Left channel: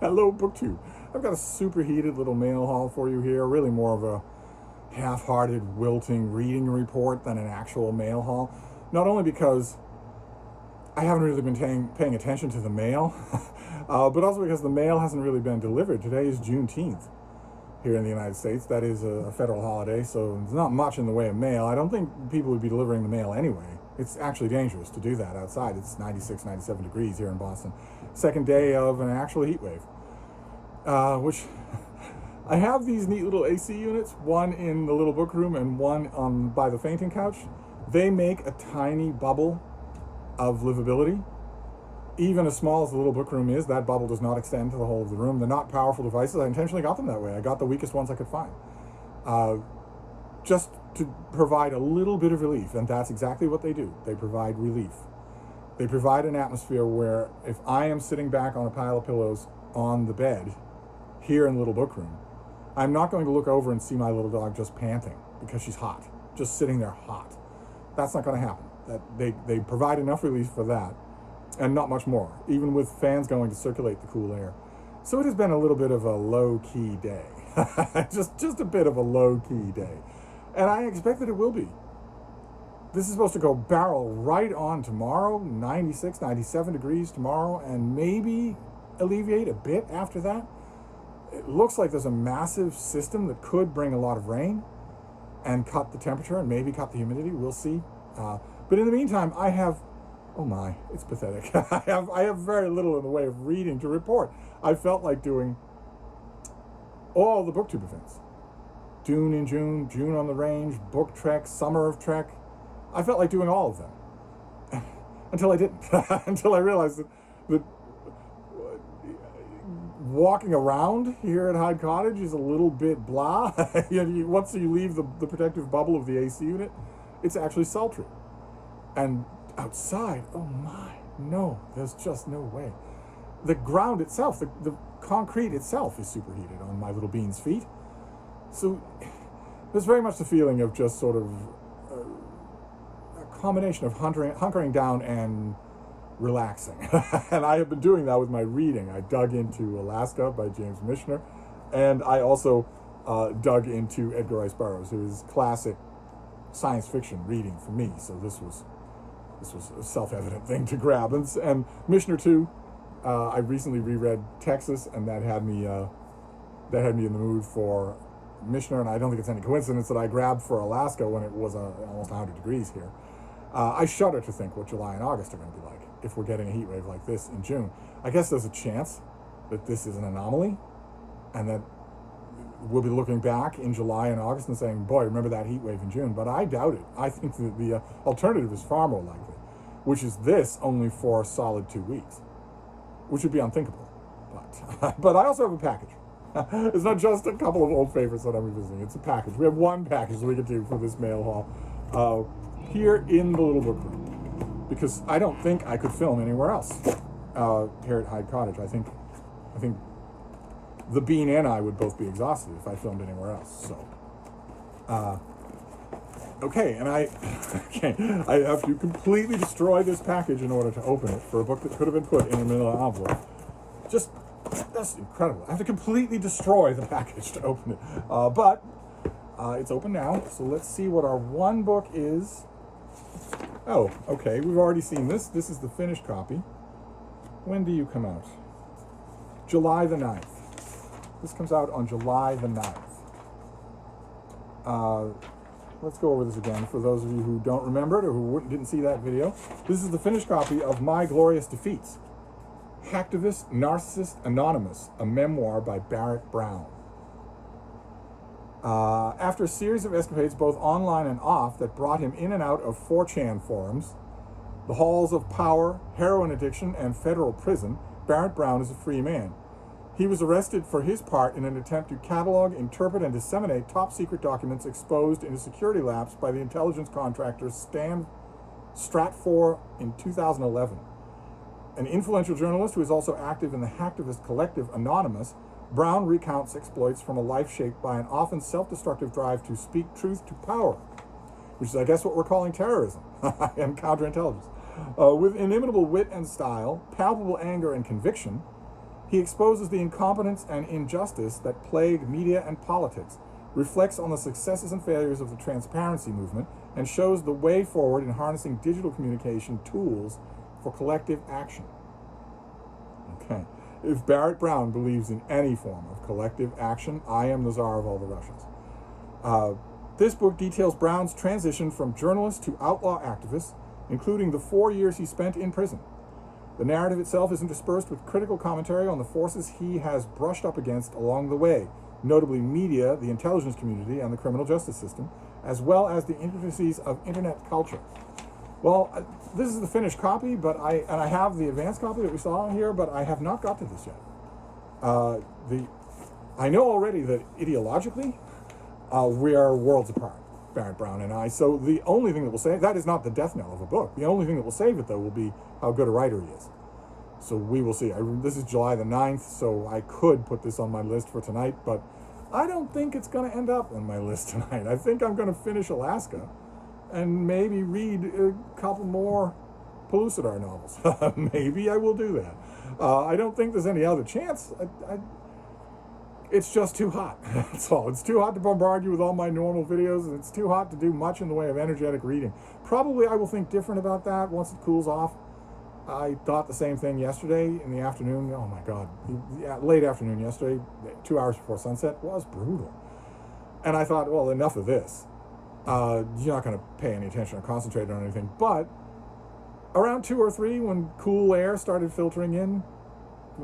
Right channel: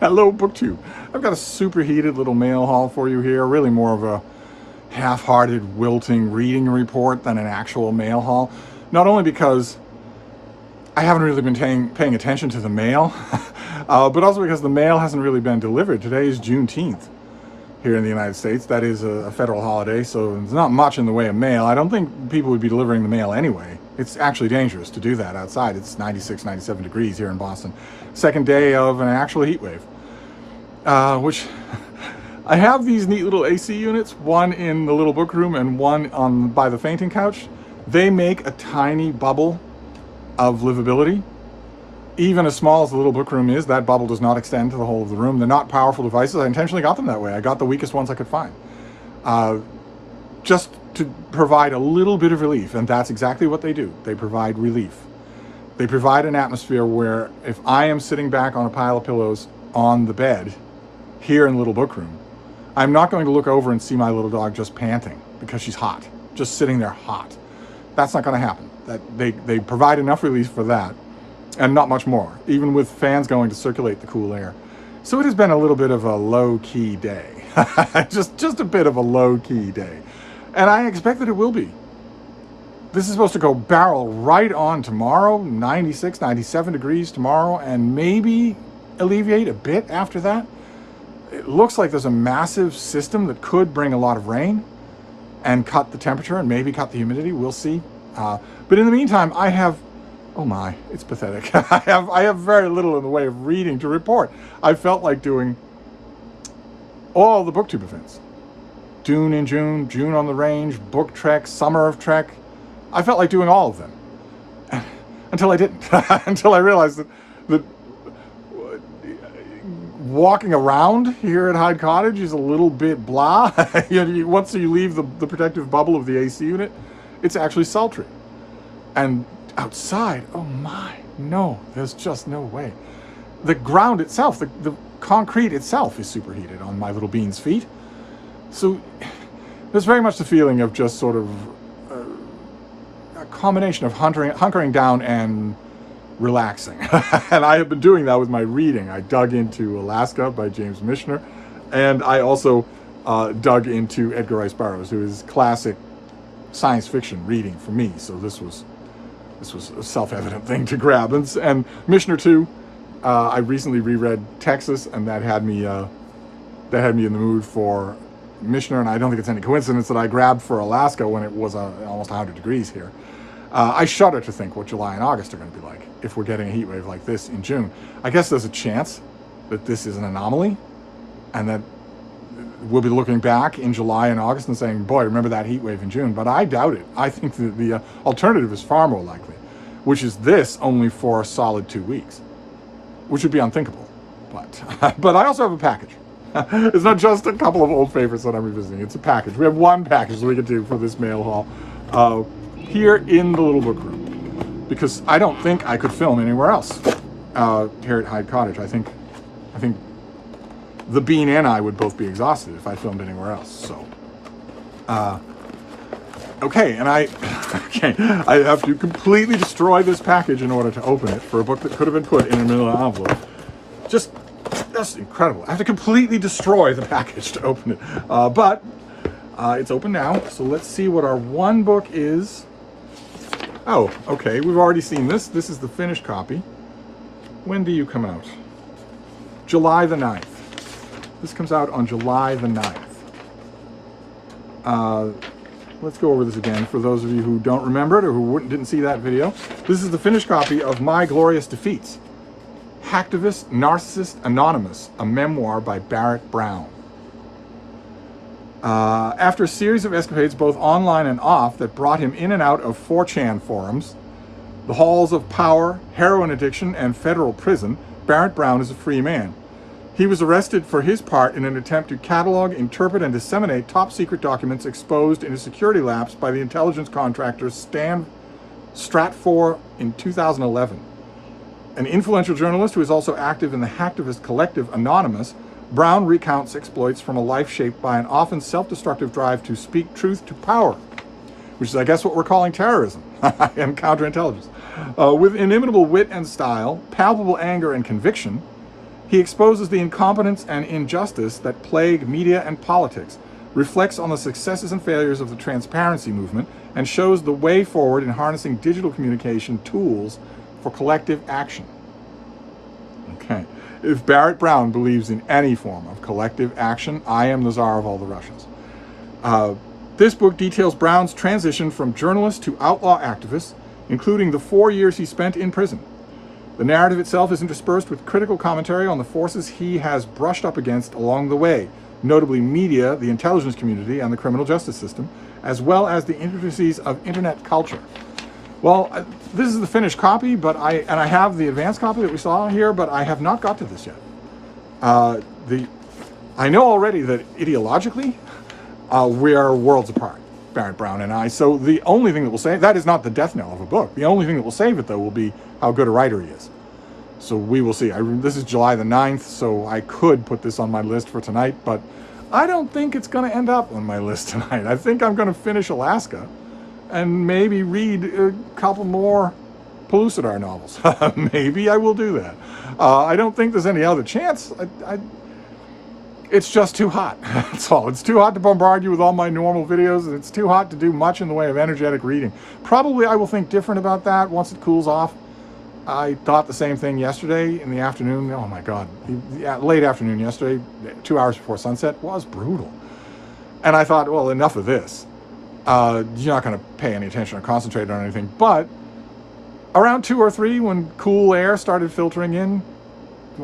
Hello, BookTube. I've got a superheated little mail haul for you here. Really more of a half-hearted, wilting reading report than an actual mail haul. Not only because I haven't really been paying attention to the mail, but also because the mail hasn't really been delivered. Today is Juneteenth here in the United States. That is a federal holiday, so there's not much in the way of mail. I don't think people would be delivering the mail anyway. It's actually dangerous to do that outside. It's 96, 97 degrees here in Boston. Second day of an actual heat wave, which I have these neat little AC units, one in the little book room and one by the fainting couch. They make a tiny bubble of livability. Even as small as the little book room is, that bubble does not extend to the whole of the room. They're not powerful devices. I intentionally got them that way. I got the weakest ones I could find. Just to provide a little bit of relief, and that's exactly what they do. They provide relief. They provide an atmosphere where if I am sitting back on a pile of pillows on the bed here in the little book room, I'm not going to look over and see my little dog just panting because she's hot, just sitting there hot. That's not going to happen. They provide enough relief for that, and not much more, even with fans going to circulate the cool air. So it has been a little bit of a low-key day. just a bit of a low-key day. And I expect that it will be. This is supposed to go barrel right on tomorrow, 96, 97 degrees tomorrow, and maybe alleviate a bit after that. It looks like there's a massive system that could bring a lot of rain and cut the temperature and maybe cut the humidity. We'll see. But in the meantime, I have, oh my, it's pathetic. I have very little in the way of reading to report. I felt like doing all the BookTube events. Dune in June, June on the Range, Book Trek, Summer of Trek. I felt like doing all of them. Until I didn't. Until I realized that walking around here at Hyde Cottage is a little bit blah. Once you leave the protective bubble of the AC unit, it's actually sultry. And outside, oh my, no, there's just no way. The ground itself, the concrete itself is superheated on my little bean's feet. So there's very much the feeling of just sort of a combination of hunkering down and relaxing. And I have been doing that with my reading. I dug into Alaska by James Michener, and I also dug into Edgar Rice Burroughs, who is classic science fiction reading for me. So this was a self-evident thing to grab. And Michener too. I recently reread Texas, and that had me in the mood for Michener, and I don't think it's any coincidence that I grabbed for Alaska when it was almost 100 degrees here. I shudder to think what July and August are going to be like if we're getting a heat wave like this in June. I guess there's a chance that this is an anomaly, and that we'll be looking back in July and August and saying, boy, remember that heat wave in June? But I doubt it. I think that the alternative is far more likely, which is this only for a solid 2 weeks, which would be unthinkable. But I also have a package. It's not just a couple of old favorites that I'm revisiting. It's a package. We have one package that we can do for this mail haul here in the little book room, because I don't think I could film anywhere else here at Hyde Cottage. I think the Bean and I would both be exhausted if I filmed anywhere else. So, okay, and I have to completely destroy this package in order to open it for a book that could have been put in a manila envelope. That's incredible. I have to completely destroy the package to open it. But it's open now, so let's see what our one book is. Oh, okay, we've already seen this. This is the finished copy. When do you come out? July the 9th. This comes out on July the 9th. Let's go over this again for those of you who don't remember it or who didn't see that video. This is the finished copy of My Glorious Defeats. Hacktivist, Narcissist, Anonymous, a memoir by Barrett Brown. After a series of escapades both online and off that brought him in and out of 4chan forums, the halls of power, heroin addiction, and federal prison, Barrett Brown is a free man. He was arrested for his part in an attempt to catalog, interpret, and disseminate top-secret documents exposed in a security lapse by the intelligence contractor Stratfor in 2011. An influential journalist who is also active in the hacktivist collective Anonymous, Brown recounts exploits from a life shaped by an often self-destructive drive to speak truth to power, which is, I guess, what we're calling terrorism and counterintelligence. With inimitable wit and style, palpable anger and conviction, He exposes the incompetence and injustice that plague media and politics, reflects on the successes and failures of the transparency movement, and shows the way forward in harnessing digital communication tools for collective action. Okay. If Barrett Brown believes in any form of collective action, I am the czar of all the Russias. This book details Brown's transition from journalist to outlaw activist, including the 4 years he spent in prison. The narrative itself is interspersed with critical commentary on the forces he has brushed up against along the way, notably media, the intelligence community, and the criminal justice system, as well as the intricacies of internet culture. Well, this is the finished copy, but I have the advanced copy that we saw here, but I have not got to this yet. I know already that ideologically, we are worlds apart, Barrett Brown and I. So the only thing that will save, that is not the death knell of a book. The only thing that will save it, though, will be how good a writer he is. So we will see. This is July the 9th, so I could put this on my list for tonight, but I don't think it's going to end up on my list tonight. I think I'm going to finish Alaska and maybe read a couple more Pellucidar novels. Maybe I will do that. I don't think there's any other chance. It's just too hot. That's all. It's too hot to bombard you with all my normal videos, and it's too hot to do much in the way of energetic reading. Probably I will think different about that once it cools off. I thought the same thing yesterday in the afternoon. Oh my God. Late afternoon yesterday, 2 hours before sunset, was brutal. And I thought, well, enough of this. You're not going to pay any attention or concentrate on anything. But around 2 or 3, when cool air started filtering in,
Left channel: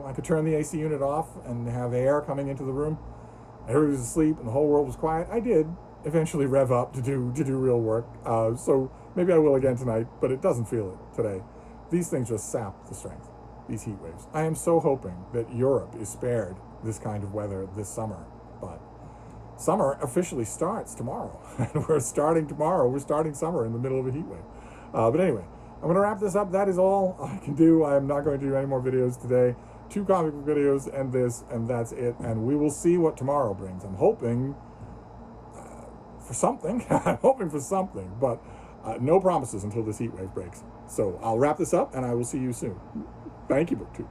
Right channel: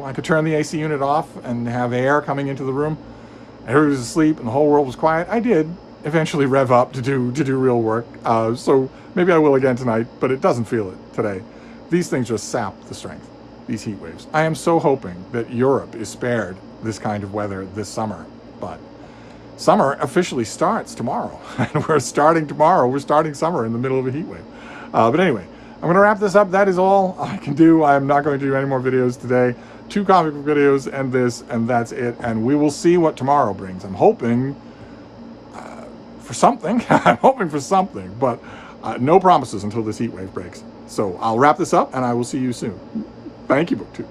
I could turn the AC unit off and have air coming into the room. Everybody was asleep and the whole world was quiet. I did eventually rev up to do real work. So maybe I will again tonight, but it doesn't feel it today. These things just sap the strength, these heat waves. I am so hoping that Europe is spared this kind of weather this summer, but summer officially starts tomorrow. And we're starting tomorrow. We're starting summer in the middle of a heat wave. But anyway, I'm going to wrap this up. That is all I can do. I am not going to do any more videos today. 2 comic book videos and this, and that's it. And we will see what tomorrow brings. I'm hoping for something. I'm hoping for something, but no promises until this heat wave breaks. So I'll wrap this up, and I will see you soon. Thank you, BookTube.